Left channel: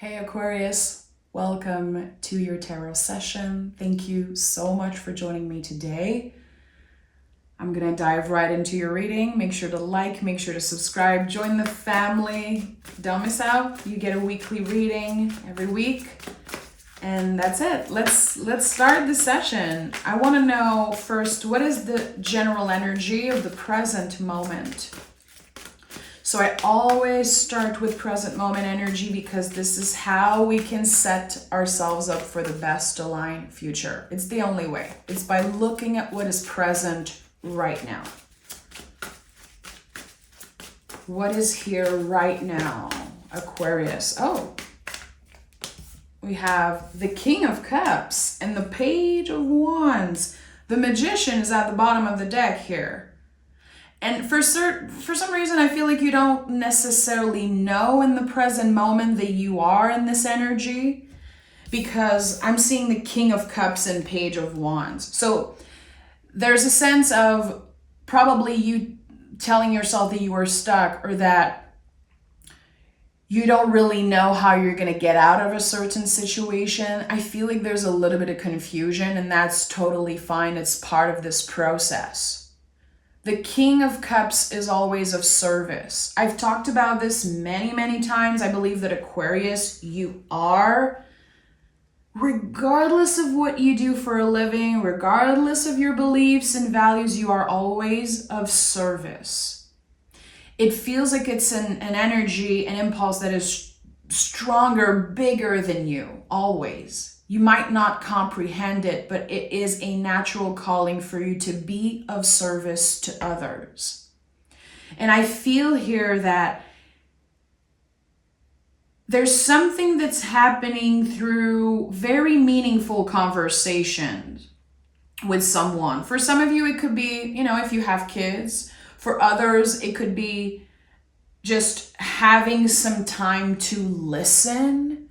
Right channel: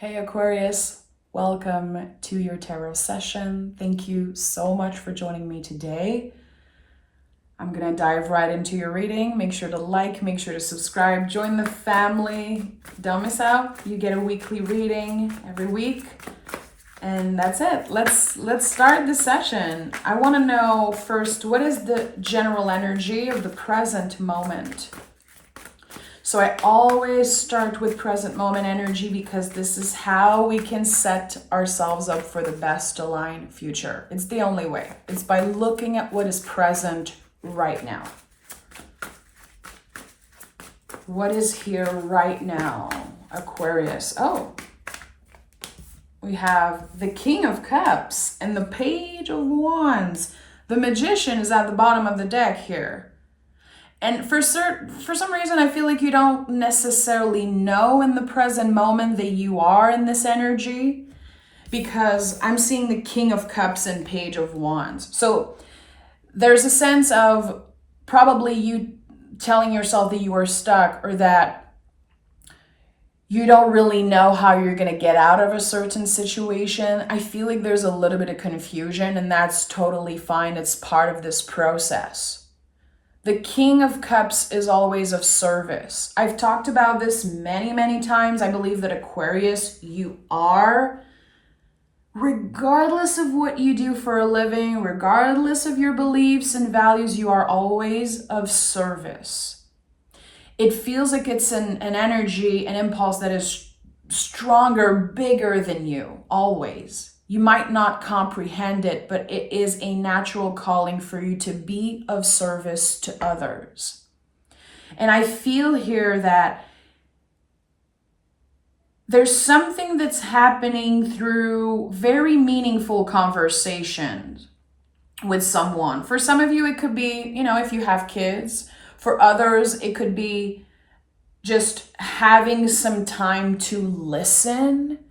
Hey Aquarius, welcome to your tarot session. Thank you so much for joining me today. I'm gonna dive right into your reading. Make sure to like, make sure to subscribe, join the family. Don't miss out. You get a weekly reading every week. And that's it. Let's start the session. I want to know first, what is the general energy of the present moment? So I always start with present moment energy because this is how we can set ourselves up for the best aligned future. It's the only way. It's by looking at what is present right now. What is here right now, Aquarius? Oh, we have the King of Cups and the Page of Wands. The Magician is at the bottom of the deck here. And for some reason, I feel like you don't necessarily know in the present moment that you are in this energy, because I'm seeing the King of Cups and Page of Wands. So there's a sense of probably you telling yourself that you are stuck, or that you don't really know how you're going to get out of a certain situation. I feel like there's a little bit of confusion, and that's totally fine. It's part of this process. The King of Cups is always of service. I've talked about this many times. I believe that Aquarius, you are, regardless of what you do for a living, regardless of your beliefs and values, you are always of service. It feels like it's an energy, an impulse that is stronger, bigger than you, always. You might not comprehend it, but it is a natural calling for you to be of service to others. And I feel here that there's something that's happening through very meaningful conversations with someone. For some of you, it could be, if you have kids. For others, it could be just having some time to listen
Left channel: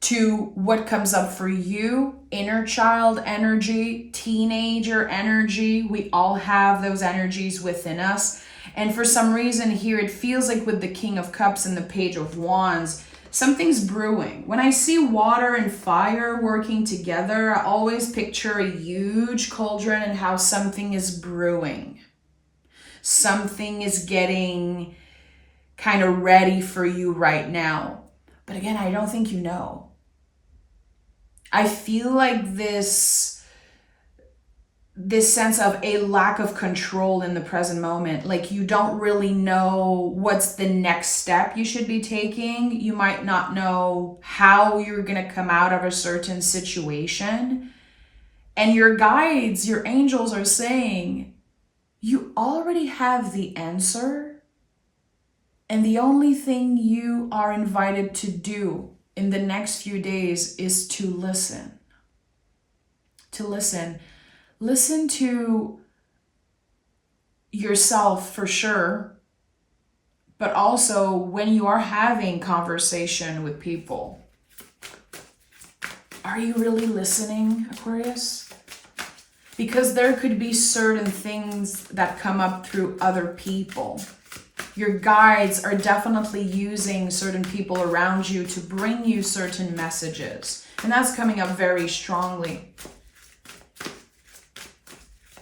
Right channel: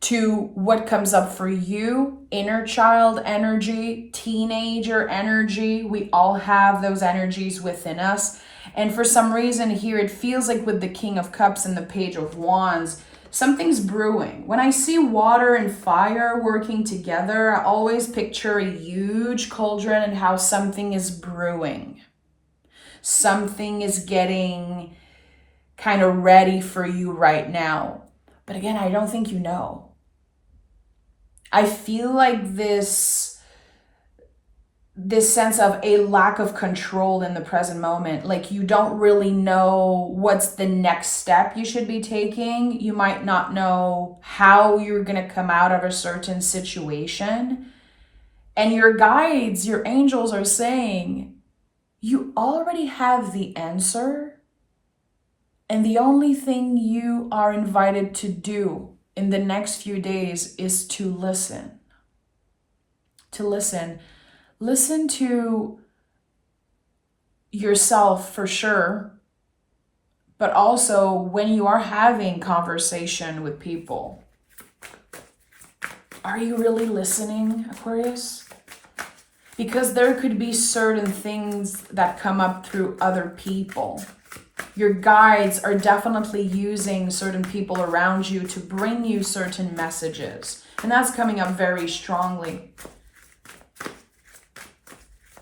to what comes up for you. Inner child energy, teenager energy. We all have those energies within us. And for some reason here, it feels like with the King of Cups and the Page of Wands, something's brewing. When I see water and fire working together, I always picture a huge cauldron and how something is brewing. Something is getting kind of ready for you right now. But again, I don't think you know. I feel like this sense of a lack of control in the present moment, like you don't really know what's the next step you should be taking. You might not know how you're going to come out of a certain situation. And your guides, your angels are saying, you already have the answer. And the only thing you are invited to do in the next few days is to listen. To listen. Listen to yourself for sure, but also when you are having conversation with people. Are you really listening, Aquarius? Because there could be certain things that come up through other people. Your guides are definitely using certain people around you to bring you certain messages. And that's coming up very strongly.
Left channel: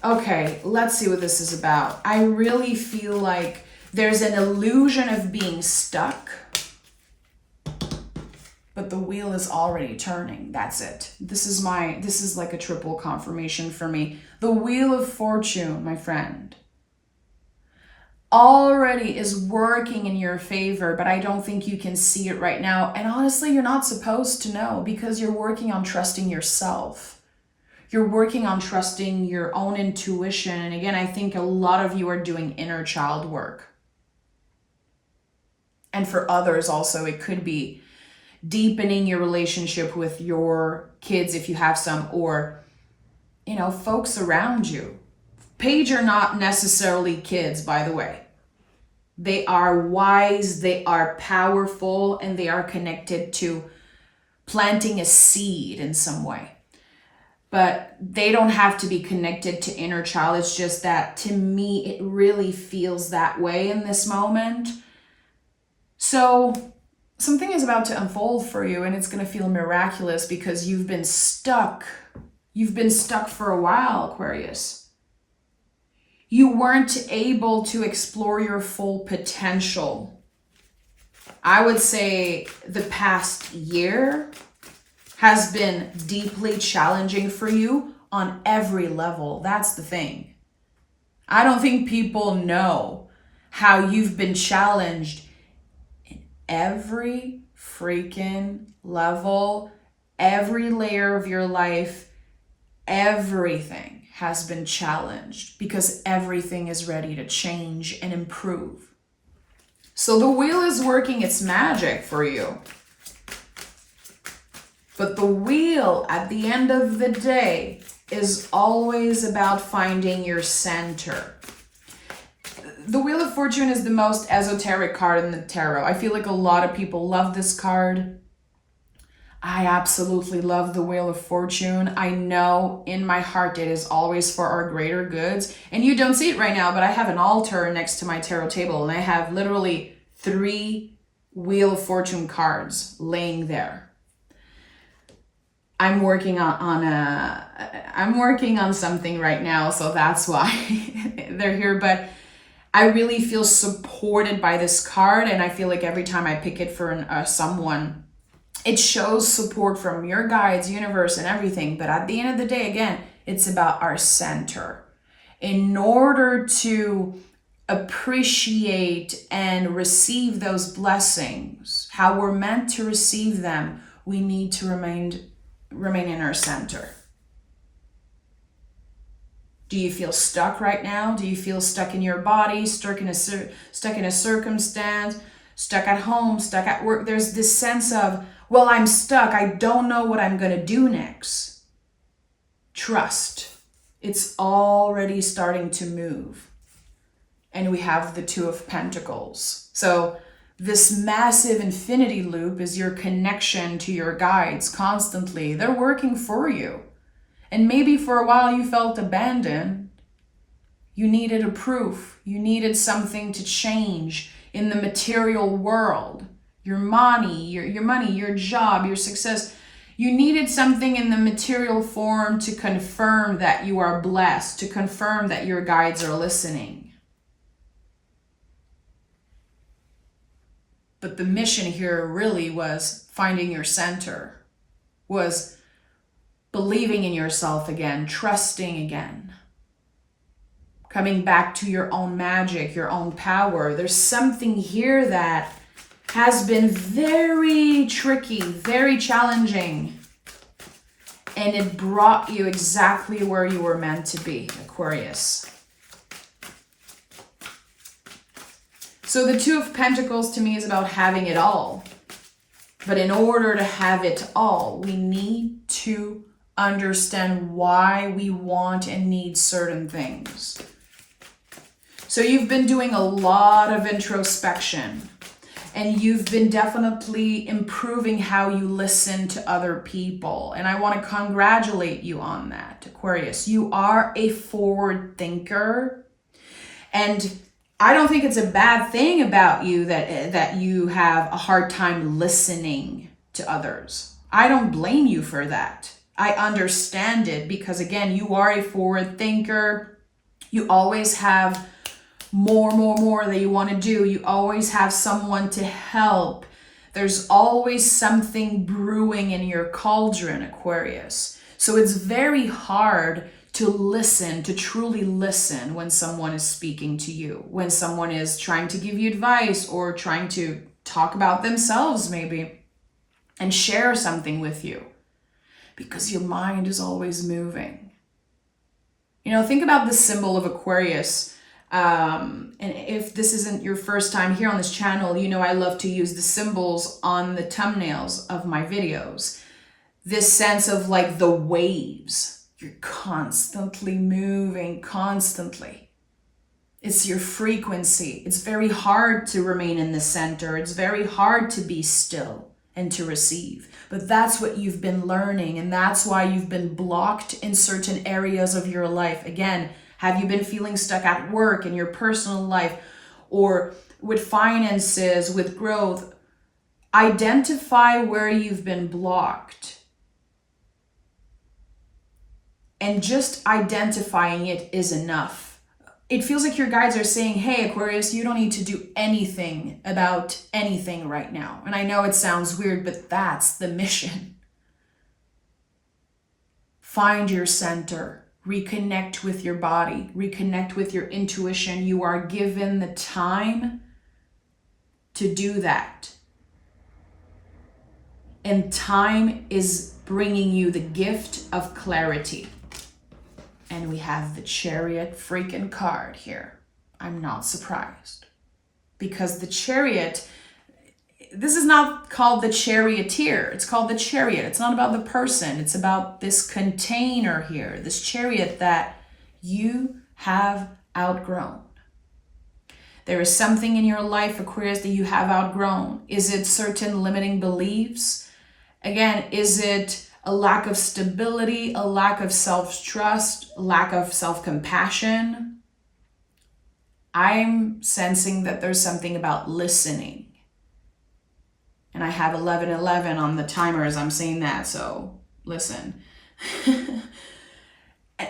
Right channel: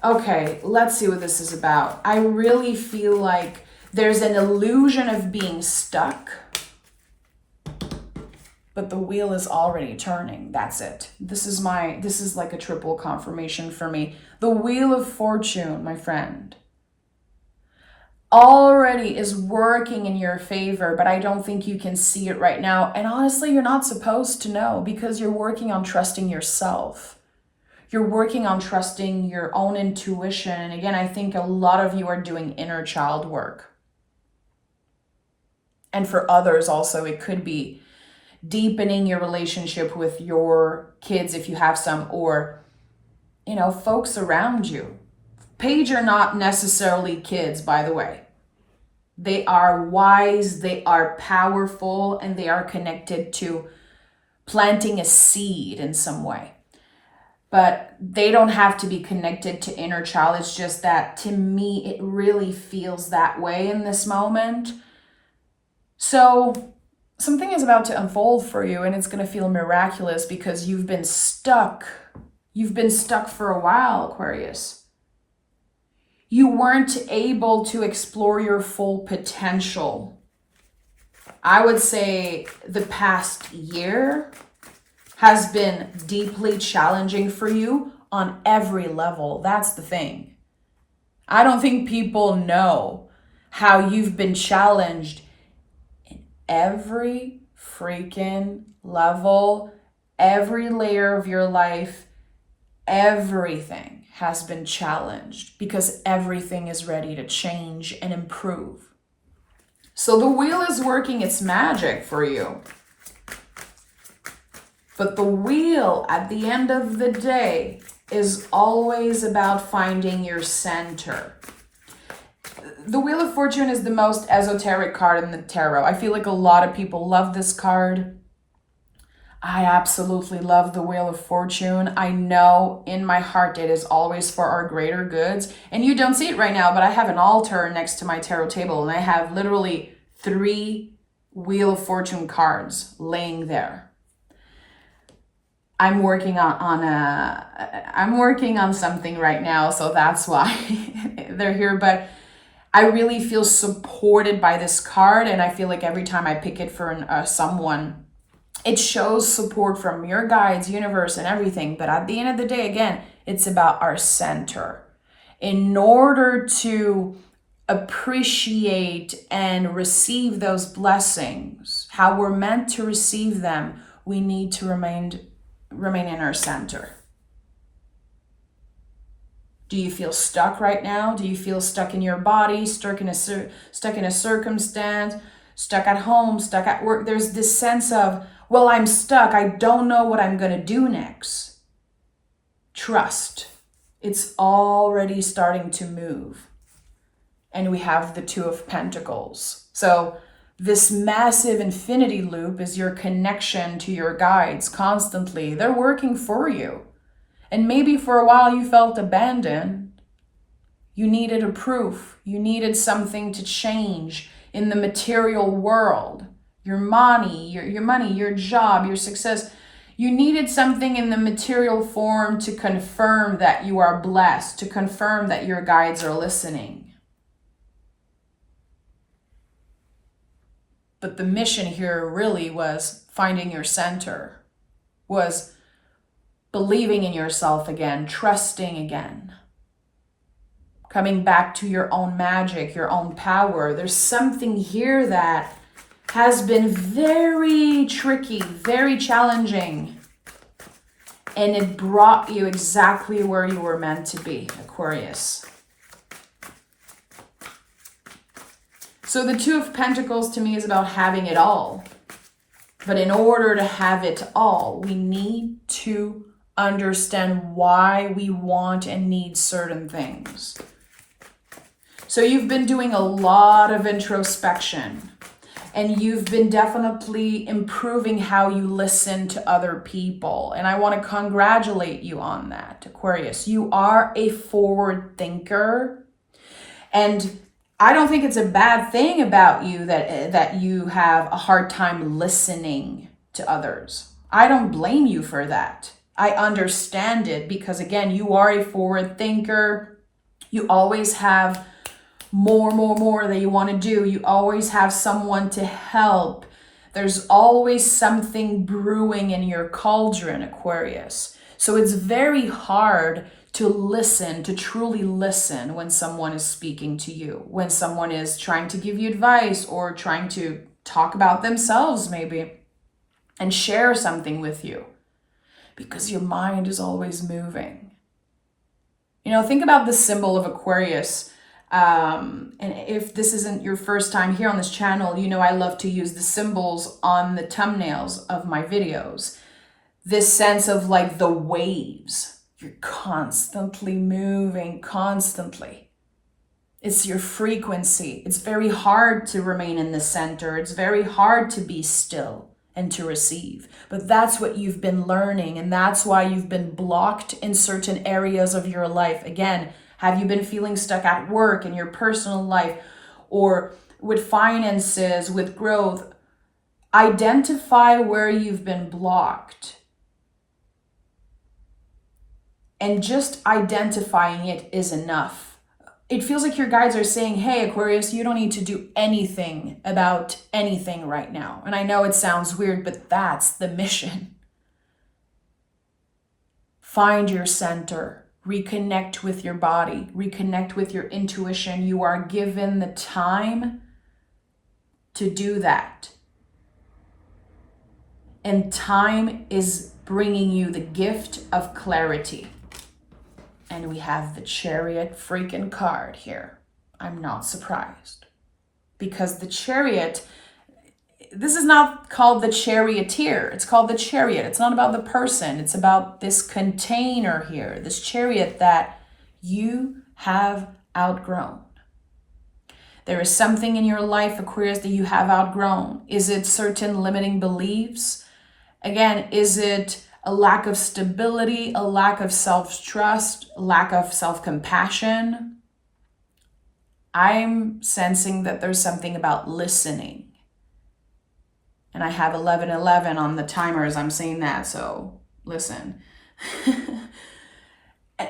Okay, let's see what this is about. I really feel like there's an illusion of being stuck, but the wheel is already turning. That's it. This is like a triple confirmation for me. The Wheel of Fortune, my friend, already is working in your favor, but I don't think you can see it right now. And honestly, you're not supposed to know, because you're working on trusting yourself. You're working on trusting your own intuition. And again, I think a lot of you are doing inner child work. And for others also, it could be deepening your relationship with your kids if you have some, or, folks around you. Page are not necessarily kids, by the way. They are wise, they are powerful, and they are connected to planting a seed in some way. But they don't have to be connected to inner child. It's just that, to me, it really feels that way in this moment. So something is about to unfold for you, and it's going to feel miraculous because you've been stuck. You've been stuck for a while, Aquarius. You weren't able to explore your full potential. I would say the past year has been deeply challenging for you on every level. That's the thing. I don't think people know how you've been challenged in every freaking level, every layer of your life. Everything has been challenged because everything is ready to change and improve. So the wheel is working its magic for you. But the wheel, at the end of the day, is always about finding your center. The Wheel of Fortune is the most esoteric card in the tarot. I feel like a lot of people love this card. I absolutely love the Wheel of Fortune. I know in my heart it is always for our greater goods. And you don't see it right now, but I have an altar next to my tarot table, and I have literally 3 Wheel of Fortune cards laying there. I'm working on something right now, so that's why they're here. But I really feel supported by this card, and I feel like every time I pick it for someone, it shows support from your guides, universe, and everything. But at the end of the day, again, it's about our center. In order to appreciate and receive those blessings, how we're meant to receive them, we need to remain in our center. Do you feel stuck right now? Do you feel stuck in your body, stuck in a circumstance, stuck at home, stuck at work? There's this sense of, well, I'm stuck. I don't know what I'm going to do next. Trust. It's already starting to move. And we have the 2 of Pentacles. So this massive infinity loop is your connection to your guides constantly. They're working for you. And maybe for a while you felt abandoned. You needed a proof. You needed something to change in the material world. Your money, your job, your success. You needed something in the material form to confirm that you are blessed, to confirm that your guides are listening. But the mission here really was finding your center, was believing in yourself again, trusting again, coming back to your own magic, your own power. There's something here that has been very tricky, very challenging, and it brought you exactly where you were meant to be, Aquarius. So the 2 of Pentacles to me is about having it all. But in order to have it all, we need to understand why we want and need certain things. So you've been doing a lot of introspection, and you've been definitely improving how you listen to other people. And I want to congratulate you on that, Aquarius. You are a forward thinker, and I don't think it's a bad thing about you that you have a hard time listening to others. I don't blame you for that. I understand it because, again, you are a forward thinker. You always have more that you want to do. You always have someone to help. There's always something brewing in your cauldron, Aquarius. So it's very hard to listen, to truly listen when someone is speaking to you, when someone is trying to give you advice or trying to talk about themselves maybe and share something with you, because your mind is always moving. You know, think about the symbol of Aquarius. And if this isn't your first time here on this channel, you know I love to use the symbols on the thumbnails of my videos. This sense of like the waves. You're constantly moving, constantly. It's your frequency. It's very hard to remain in the center. It's very hard to be still and to receive. But that's what you've been learning, and that's why you've been blocked in certain areas of your life. Again, have you been feeling stuck at work, in your personal life, or with finances, with growth? Identify where you've been blocked. And just identifying it is enough. It feels like your guides are saying, hey, Aquarius, you don't need to do anything about anything right now. And I know it sounds weird, but that's the mission. Find your center. Reconnect with your body. Reconnect with your intuition. You are given the time to do that. And time is bringing you the gift of clarity. And we have the Chariot freaking card here. I'm not surprised. Because the Chariot, this is not called the Charioteer. It's called the Chariot. It's not about the person. It's about this container here, this chariot that you have outgrown. There is something in your life, Aquarius, that you have outgrown. Is it certain limiting beliefs? Again, is it a lack of stability, a lack of self-trust, lack of self-compassion? I'm sensing that there's something about listening. And I have 11:11 on the timer as I'm saying that, so listen.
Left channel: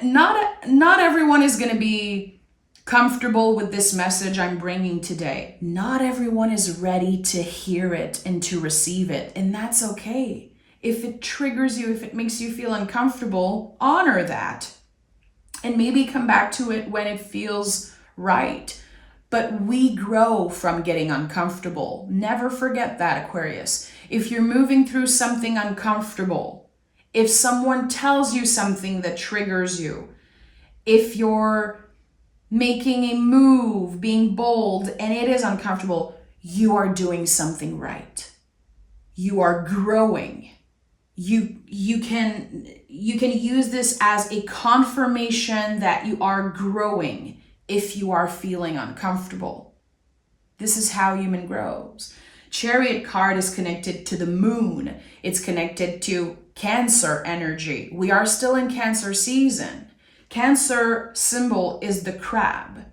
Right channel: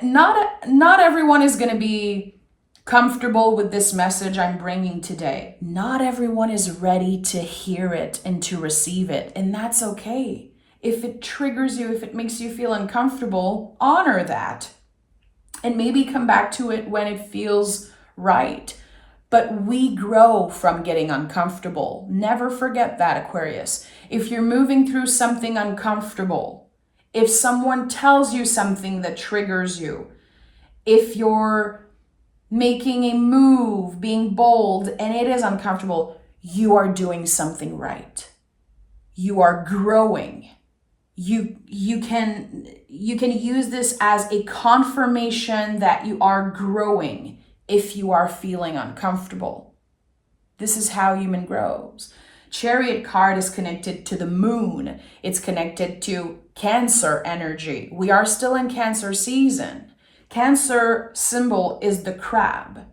Not everyone is going to be comfortable with this message I'm bringing today. Not everyone is ready to hear it and to receive it, and that's okay. If it triggers you, if it makes you feel uncomfortable, honor that. And maybe come back to it when it feels right. But we grow from getting uncomfortable. Never forget that, Aquarius. If you're moving through something uncomfortable, if someone tells you something that triggers you, if you're making a move, being bold, and it is uncomfortable, you are doing something right. You are growing. You can use this as a confirmation that you are growing if you are feeling uncomfortable. This is how human grows. Chariot card is connected to the moon. It's connected to Cancer energy. We are still in Cancer season. Cancer symbol is the crab.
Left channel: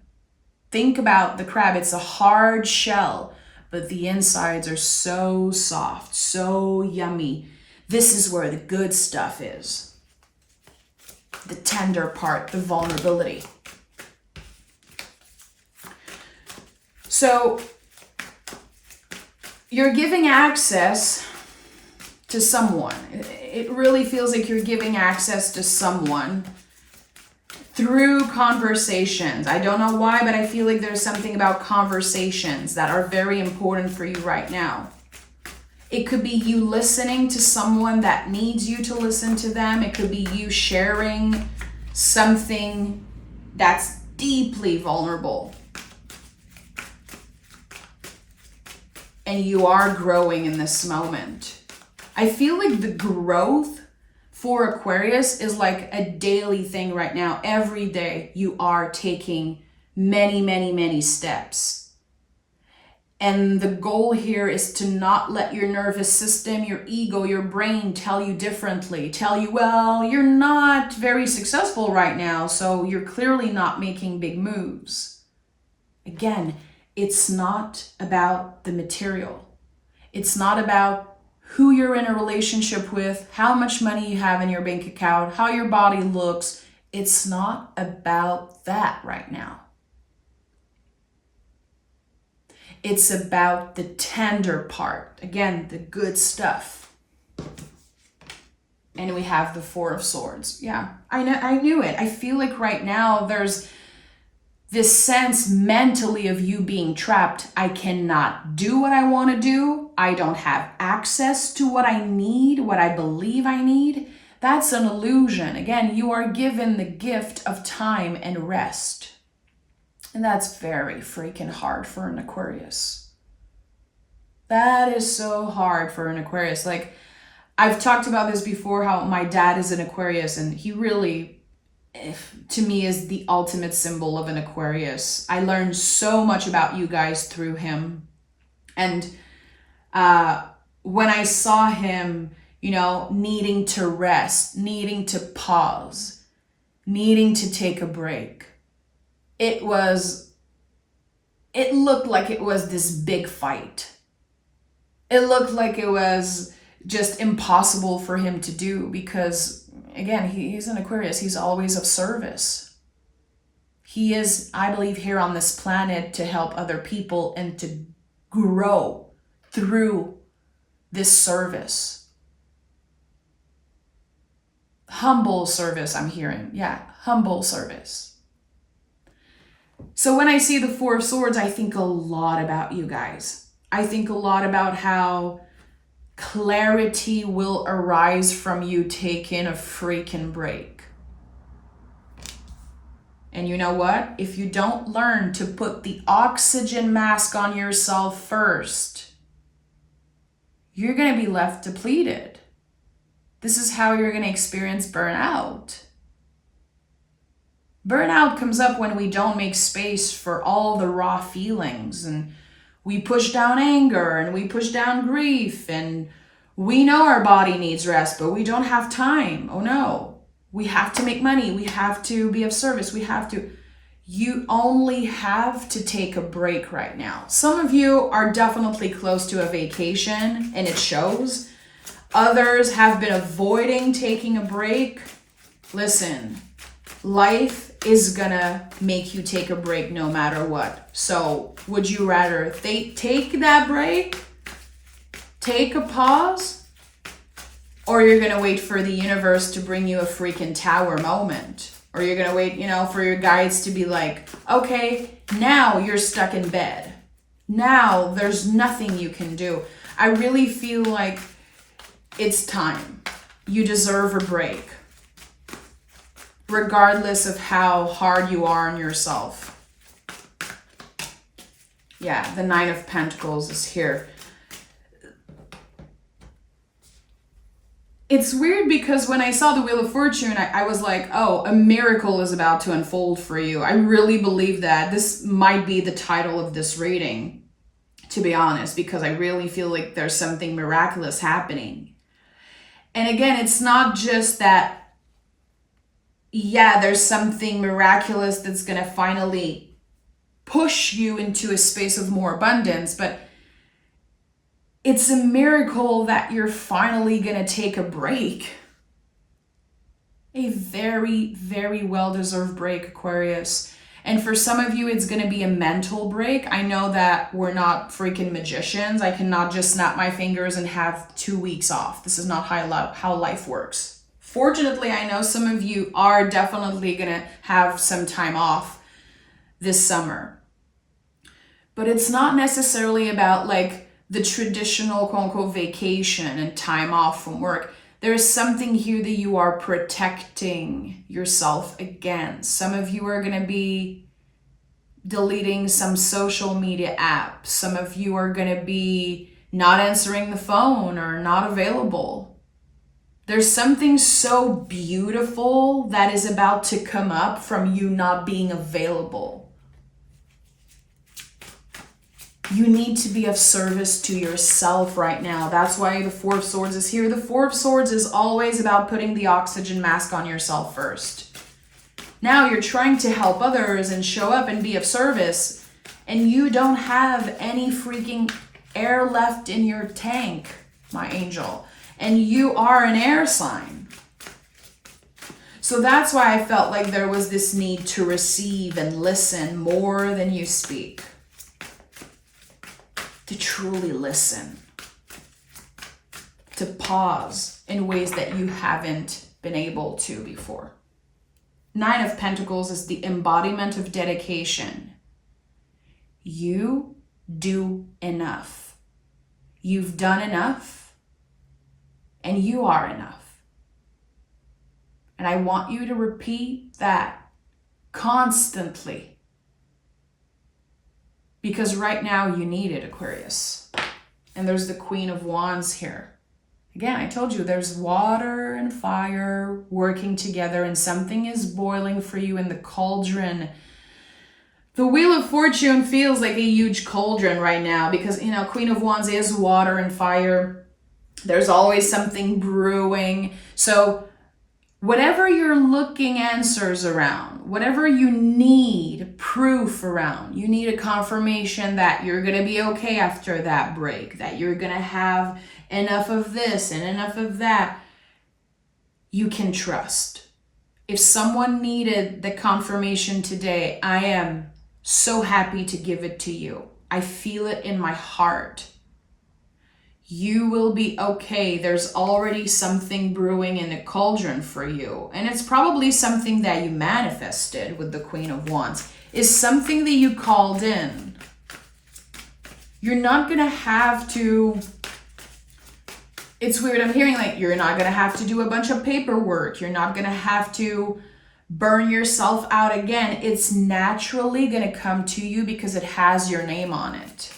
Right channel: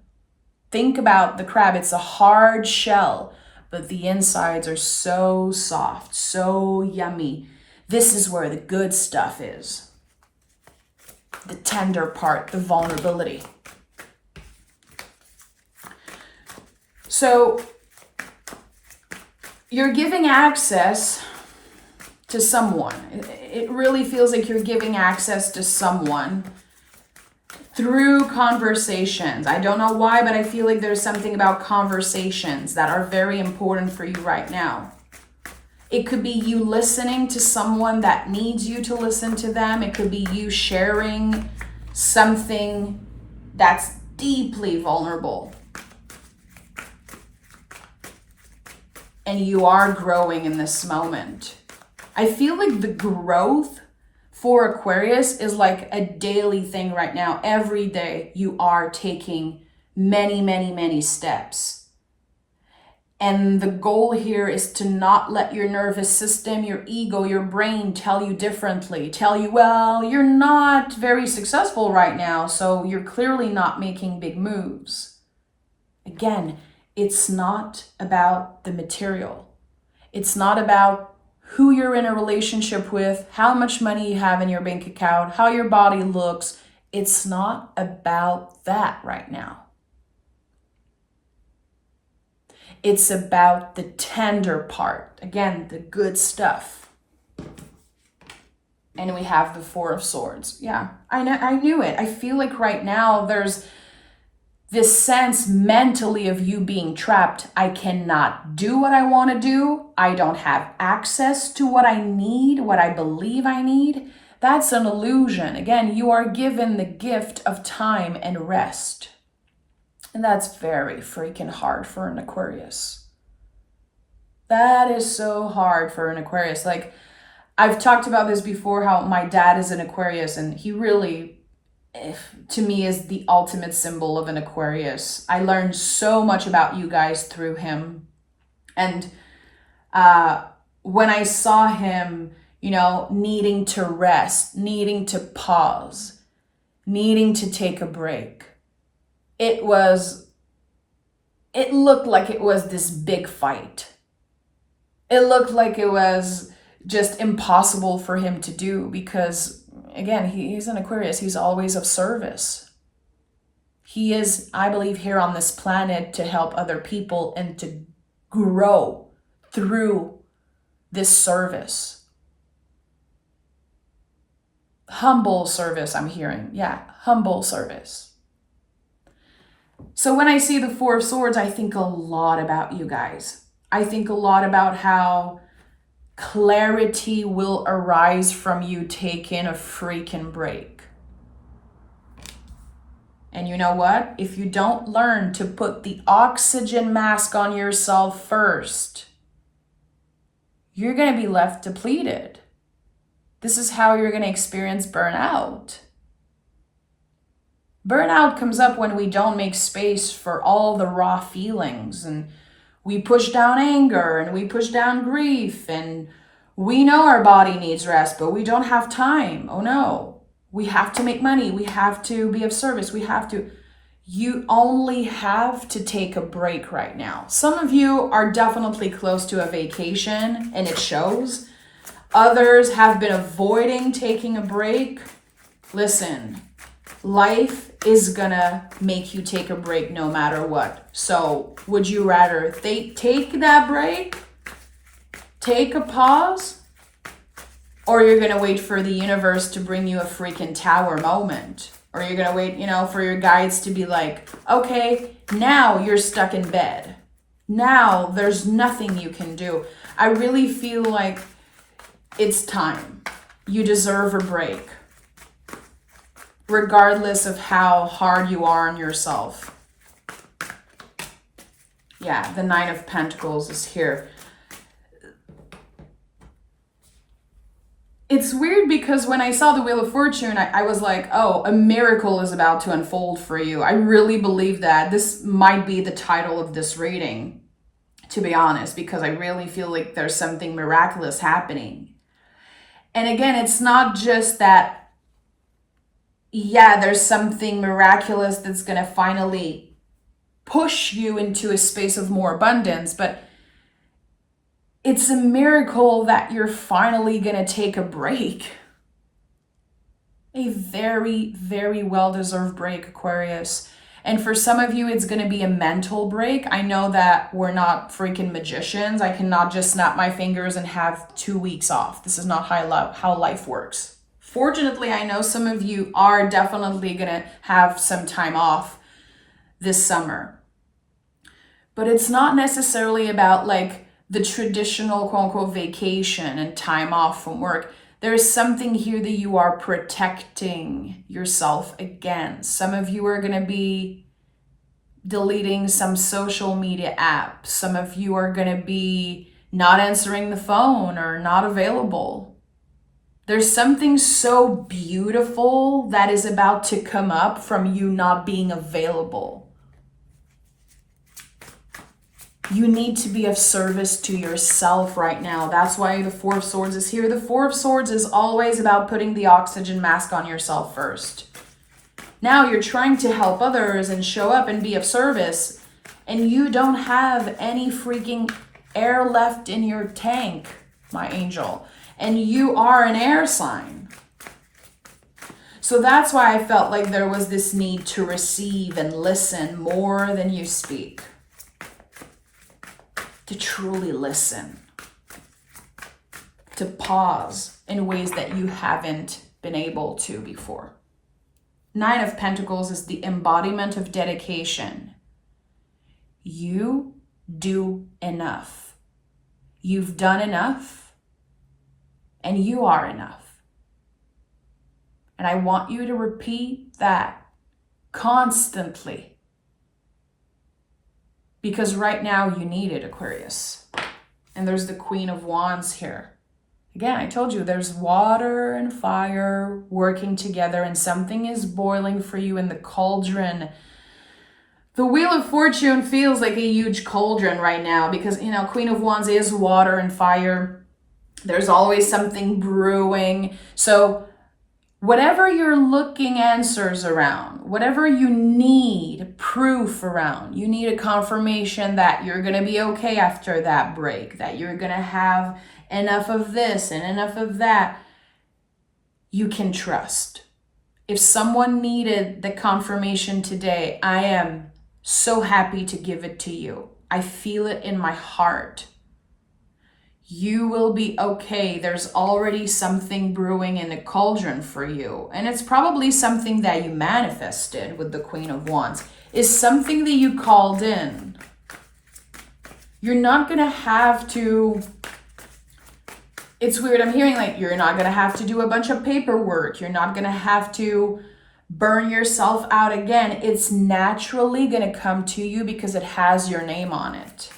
Think about the crab. It's a hard shell, but the insides are so soft, so yummy. This is where the good stuff is. The tender part, the vulnerability. So you're giving access to someone. It really feels like you're giving access to someone through conversations. I don't know why, but I feel like there's something about conversations that are very important for you right now. It could be you listening to someone that needs you to listen to them. It could be you sharing something that's deeply vulnerable. And you are growing in this moment. I feel like the growth for Aquarius is like a daily thing right now. Every day you are taking many, many, many steps. And the goal here is to not let your nervous system, your ego, your brain tell you differently. Tell you, well, you're not very successful right now, so you're clearly not making big moves. Again, it's not about the material. It's not about who you're in a relationship with, how much money you have in your bank account, how your body looks. It's not about that right now. It's about the tender part. Again, the good stuff. And we have the Four of Swords. Yeah, I knew it. I feel like right now there's this sense mentally of you being trapped. I cannot do what I want to do. I don't have access to what I need, what I believe I need. That's an illusion. Again, you are given the gift of time and rest. And that's very freaking hard for an Aquarius. That is so hard for an Aquarius. Like, I've talked about this before, how my dad is an Aquarius, and he really, to me, is the ultimate symbol of an Aquarius. I learned so much about you guys through him. And when I saw him, needing to rest, needing to pause, needing to take a break, it looked like it was this big fight. it looked like it was just impossible for him to do because, again, he's an Aquarius. He's always of service. He is, I believe, here on this planet to help other people and to grow through this service. Humble service, I'm hearing. Yeah, humble service. So when I see the Four of Swords, I think a lot about you guys. I think a lot about how clarity will arise from you taking a freaking break. And you know what? If you don't learn to put the oxygen mask on yourself first, you're going to be left depleted. This is how you're going to experience burnout. Burnout comes up when we don't make space for all the raw feelings, and we push down anger and we push down grief, and we know our body needs rest, but we don't have time. Oh no, we have to make money. We have to be of service. You only have to take a break right now. Some of you are definitely close to a vacation and it shows. Others have been avoiding taking a break. Listen, life is gonna make you take a break no matter what. So would you rather take that break, take a pause, or you're gonna wait for the universe to bring you a freaking tower moment? Or you're gonna wait, for your guides to be like, okay, now you're stuck in bed. Now there's nothing you can do. I really feel like it's time. You deserve a break. Regardless of how hard you are on yourself. Yeah, the Nine of Pentacles is here. It's weird because when I saw the Wheel of Fortune, I was like, oh, a miracle is about to unfold for you. I really believe that. This might be the title of this reading, to be honest, because I really feel like there's something miraculous happening. And again, it's not just that, yeah, there's something miraculous that's going to finally push you into a space of more abundance, but it's a miracle that you're finally going to take a break. A very, very well-deserved break, Aquarius. And for some of you, it's going to be a mental break. I know that we're not freaking magicians. I cannot just snap my fingers and have 2 weeks off. This is not how life works. Fortunately, I know some of you are definitely going to have some time off this summer. But it's not necessarily about like the traditional quote-unquote vacation and time off from work. There's something here that you are protecting yourself against. Some of you are going to be deleting some social media apps. Some of you are going to be not answering the phone or not available. There's something so beautiful that is about to come up from you not being available. You need to be of service to yourself right now. That's why the Four of Swords is here. The Four of Swords is always about putting the oxygen mask on yourself first. Now you're trying to help others and show up and be of service, and you don't have any freaking air left in your tank, my angel. And you are an air sign. So that's why I felt like there was this need to receive and listen more than you speak. To truly listen, to pause in ways that you haven't been able to before. Nine of Pentacles is the embodiment of dedication. You do enough. You've done enough, and you are enough. And I want you to repeat that constantly. Because right now you need it, Aquarius. And there's the Queen of Wands here. Again, I told you there's water and fire working together and something is boiling for you in the cauldron. The Wheel of Fortune feels like a huge cauldron right now because, Queen of Wands is water and fire. There's always something brewing. So whatever you're looking answers around, whatever you need proof around, you need a confirmation that you're going to be okay after that break, that you're going to have enough of this and enough of that, you can trust. If someone needed the confirmation today, I am so happy to give it to you. I feel it in my heart. You will be okay. There's already something brewing in the cauldron for you. And it's probably something that you manifested with the Queen of Wands. It's something that you called in. You're not going to have to... It's weird. I'm hearing like you're not going to have to do a bunch of paperwork. You're not going to have to burn yourself out again. It's naturally going to come to you because it has your name on it.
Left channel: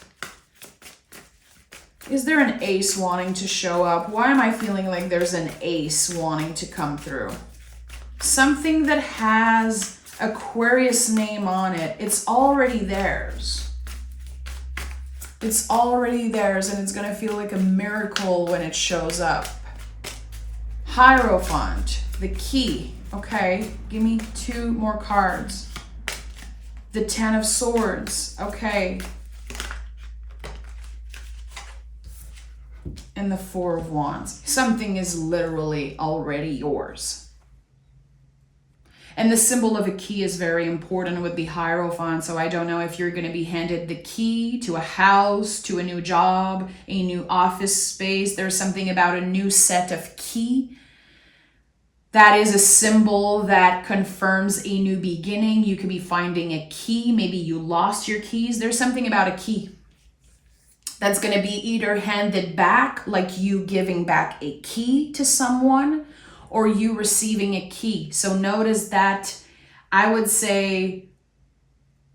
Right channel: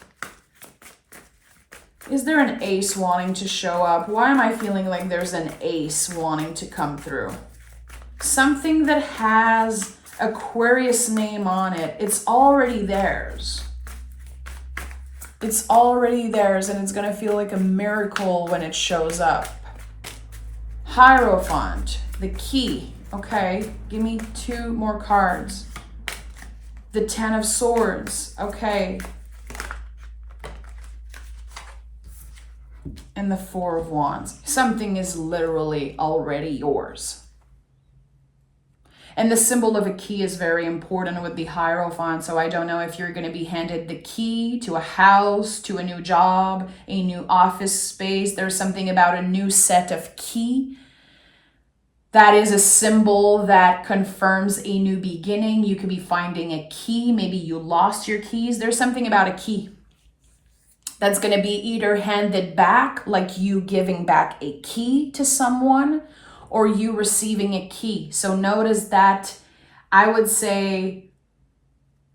Is there an ace wanting to show up? Why am I feeling like there's an ace wanting to come through? Something that has Aquarius name on it. It's already theirs. It's already theirs, and it's going to feel like a miracle when it shows up. Hierophant, the key. Okay, give me 2 more cards. The 10 of Swords. Okay. And the 4 of Wands. Something is literally already yours. And the symbol of a key is very important with the Hierophant. So I don't know if you're going to be handed the key to a house, to a new job, a new office space. There's something about a new set of key. That is a symbol that confirms a new beginning. You could be finding a key. Maybe you lost your keys. There's something about a key that's going to be either handed back, like you giving back a key to someone, or you receiving a key. So notice that I would say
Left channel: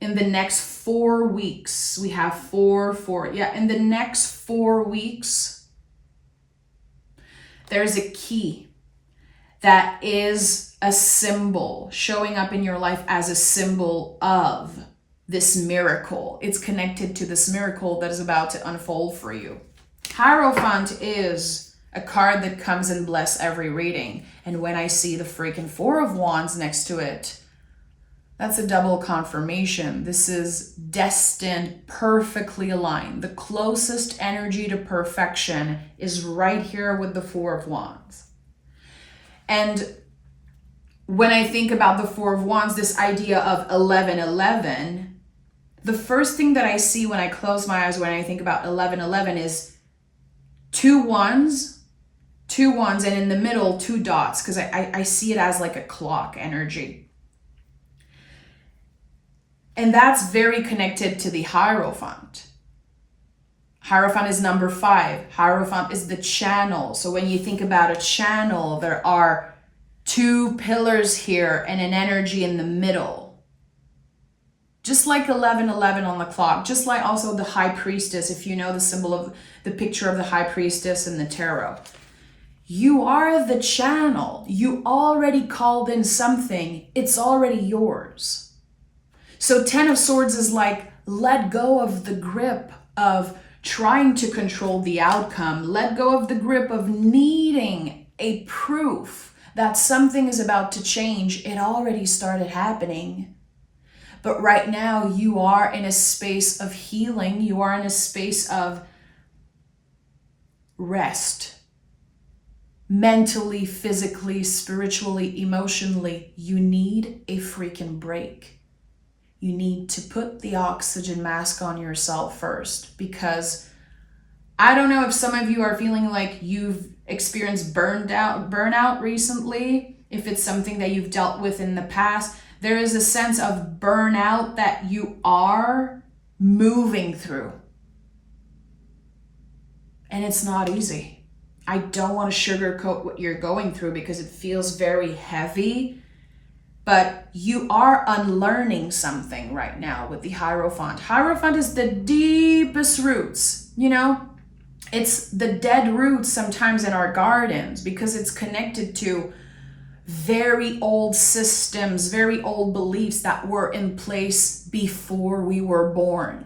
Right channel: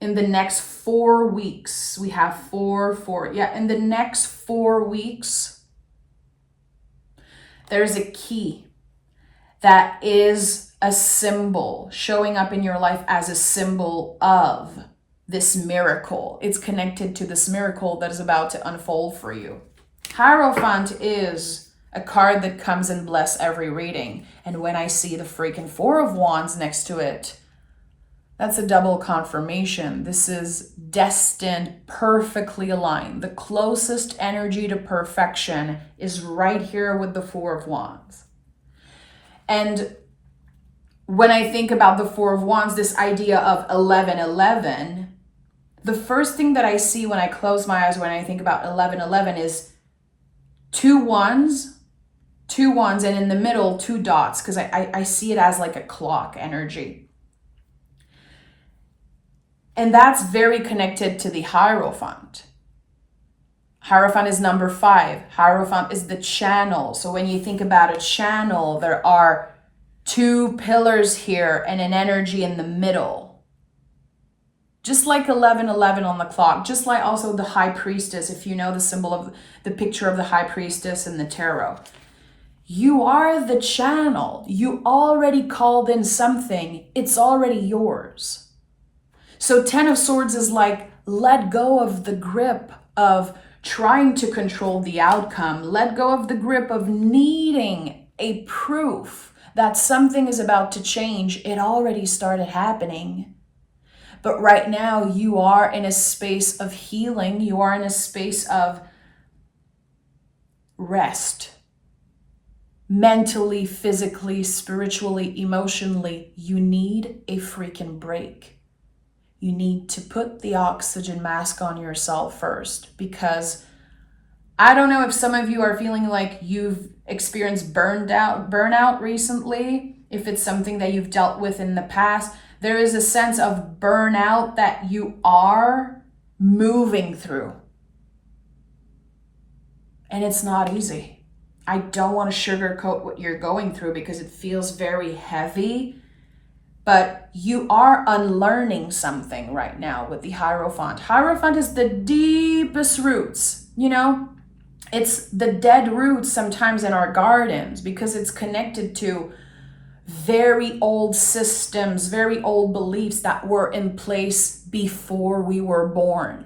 in the next 4 weeks, we have 4. Yeah, in the next 4 weeks, there's a key that is a symbol showing up in your life as a symbol of this miracle. It's connected to this miracle that is about to unfold for you. Hierophant is a card that comes and bless every reading. And when I see the freaking 4 of Wands next to it, that's a double confirmation. This is destined, perfectly aligned. The closest energy to perfection is right here with the 4 of Wands. And when I think about the 4 of Wands, this idea of 1111, the first thing that I see when I close my eyes when I think about 1111 is 2 ones, and in the middle, 2 dots, because I see it as like a clock energy. And that's very connected to the Hierophant. Hierophant is number 5. Hierophant is the channel. So when you think about a channel, there are 2 pillars here and an energy in the middle. Just like 1111 on the clock, just like also the High Priestess, if you know the symbol of the picture of the High Priestess in the tarot. You are the channel. You already called in something. It's already yours. So 10 of Swords is like, let go of the grip of trying to control the outcome. Let go of the grip of needing a proof that something is about to change. It already started happening. But right now you are in a space of healing. You are in a space of rest. Mentally, physically, spiritually, emotionally, you need a freaking break. You need to put the oxygen mask on yourself first, because I don't know if some of you are feeling like you've experienced burnout recently, if it's something that you've dealt with in the past. There is a sense of burnout that you are moving through. And it's not easy. I don't want to sugarcoat what you're going through because it feels very heavy. But you are unlearning something right now with the Hierophant. Hierophant is the deepest roots, you know? It's the dead roots sometimes in our gardens because it's connected to very old systems, very old beliefs that were in place before we were born.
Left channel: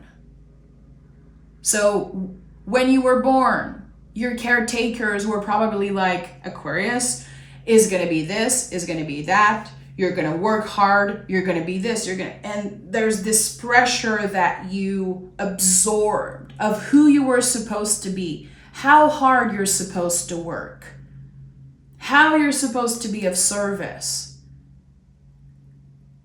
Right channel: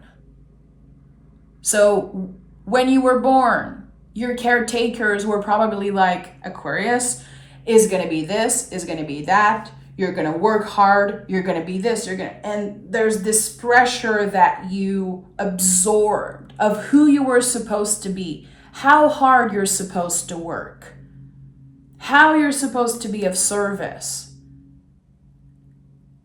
So when you were born, your caretakers were probably like, Aquarius, is going to be this, is going to be that. You're going to work hard. You're going to be this. And there's this pressure that you absorbed of who you were supposed to be, how hard you're supposed to work, how you're supposed to be of service.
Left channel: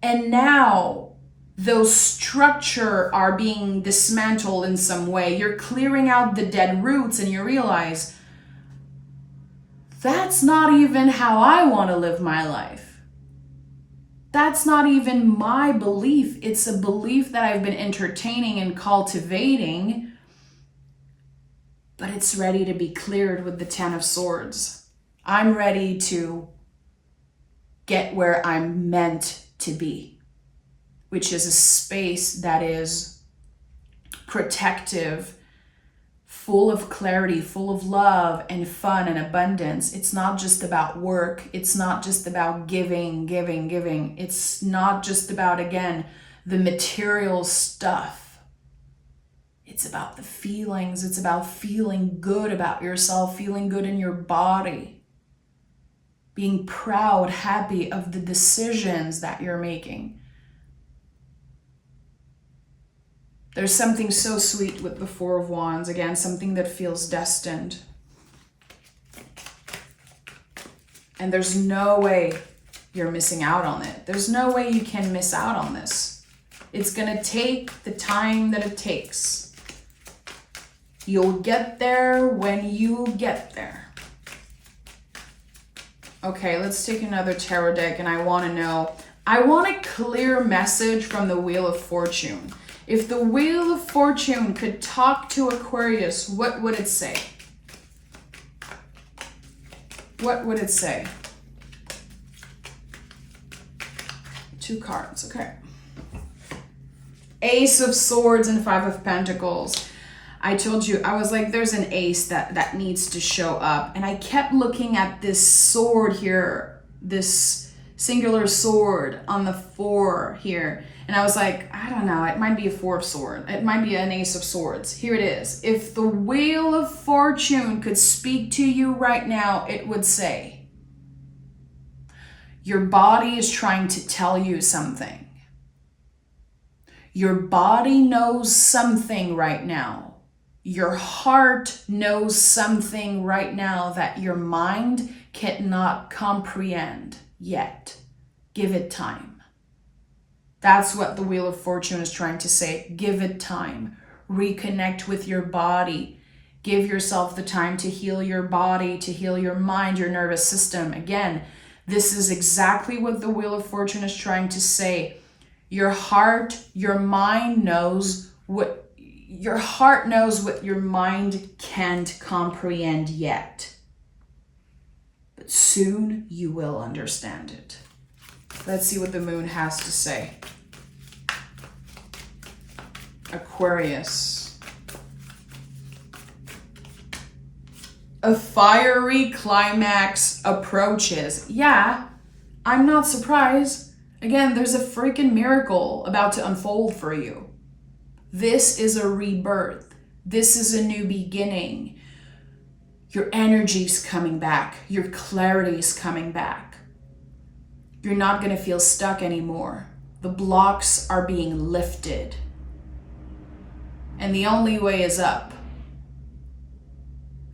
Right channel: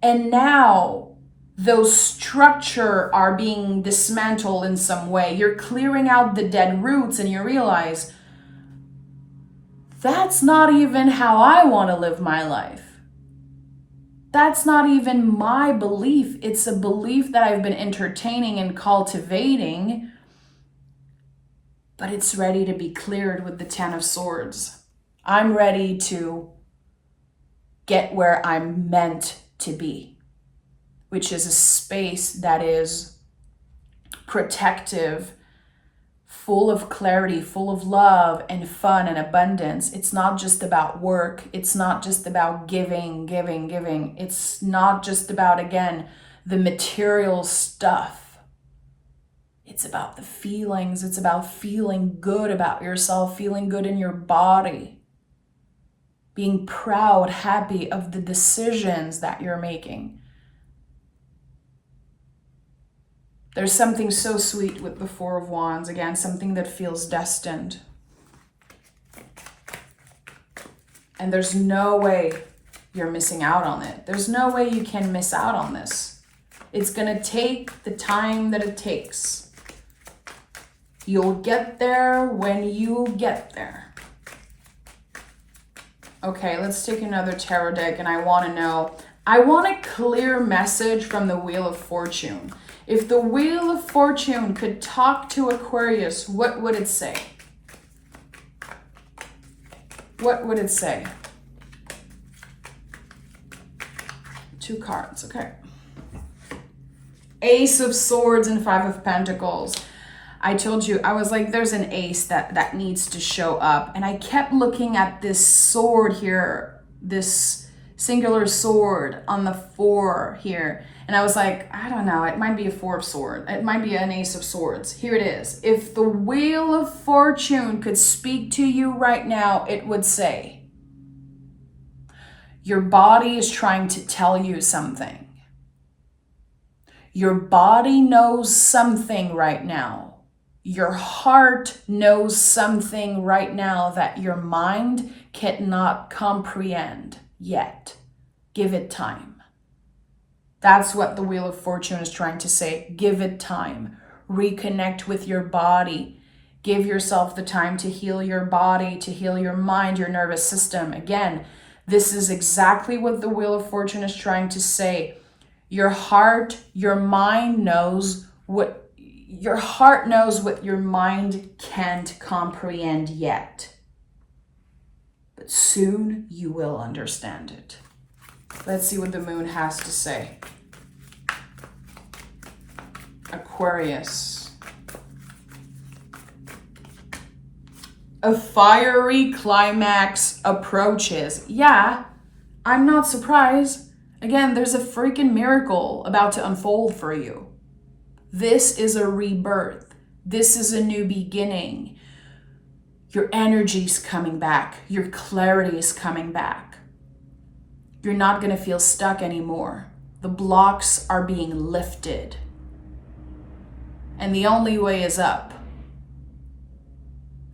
And now those structure are being dismantled in some way. You're clearing out the dead roots and you realize that's not even how I want to live my life. That's not even my belief. It's a belief that I've been entertaining and cultivating, but it's ready to be cleared with the Ten of Swords. I'm ready to get where I'm meant to be, which is a space that is protective, full of clarity, full of love and fun and abundance. It's not just about work. It's not just about giving. It's not just about, again, the material stuff. It's about the feelings. It's about feeling good about yourself, feeling good in your body, being proud, happy of the decisions that you're making. There's something so sweet with the Four of Wands. Again, something that feels destined. And there's no way you're missing out on it. There's no way you can miss out on this. It's going to take the time that it takes. You'll get there when you get there. Okay, let's take another tarot deck, and I want a clear message from the Wheel of Fortune. If the Wheel of Fortune could talk to Aquarius, what would it say? What would it say? 2 cards, okay. Ace of Swords and 5 of Pentacles. I told you, I was like, there's an ace that needs to show up. And I kept looking at this sword here, this singular sword on the 4 here. And I was like, I don't know, it might be a 4 of swords. It might be an ace of swords. Here it is. If the Wheel of Fortune could speak to you right now, it would say, your body is trying to tell you something. Your body knows something right now. Your heart knows something right now that your mind cannot comprehend yet. Give it time. That's what the Wheel of Fortune is trying to say. Give it time. Reconnect with your body. Give yourself the time to heal your body, to heal your mind, your nervous system. Again, this is exactly what the Wheel of Fortune is trying to say. Your heart, your mind knows what your heart knows what your mind can't comprehend yet. But soon you will understand it. Let's see what the moon has to say. Aquarius. A fiery climax approaches. Yeah, I'm not surprised. Again, there's a freaking miracle about to unfold for you. This is a rebirth. This is a new beginning. Your energy's coming back. Your clarity's coming back. You're not going to feel stuck anymore. The blocks are being lifted. And the only way is up.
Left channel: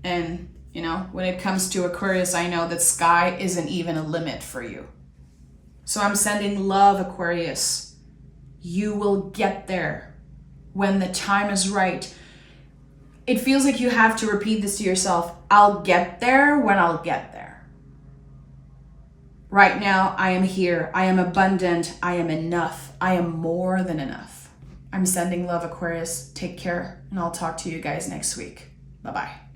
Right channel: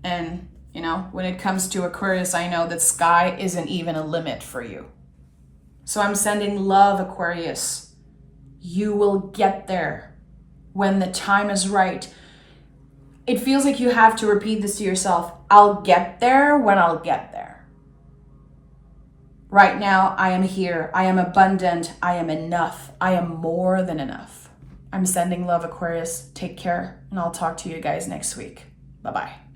And, you know, when it comes to Aquarius, I know that sky isn't even a limit for you. So I'm sending love, Aquarius. You will get there when the time is right. It feels like you have to repeat this to yourself. I'll get there when I'll get there. Right now, I am here. I am abundant. I am enough. I am more than enough. I'm sending love, Aquarius. Take care, and I'll talk to you guys next week. Bye-bye.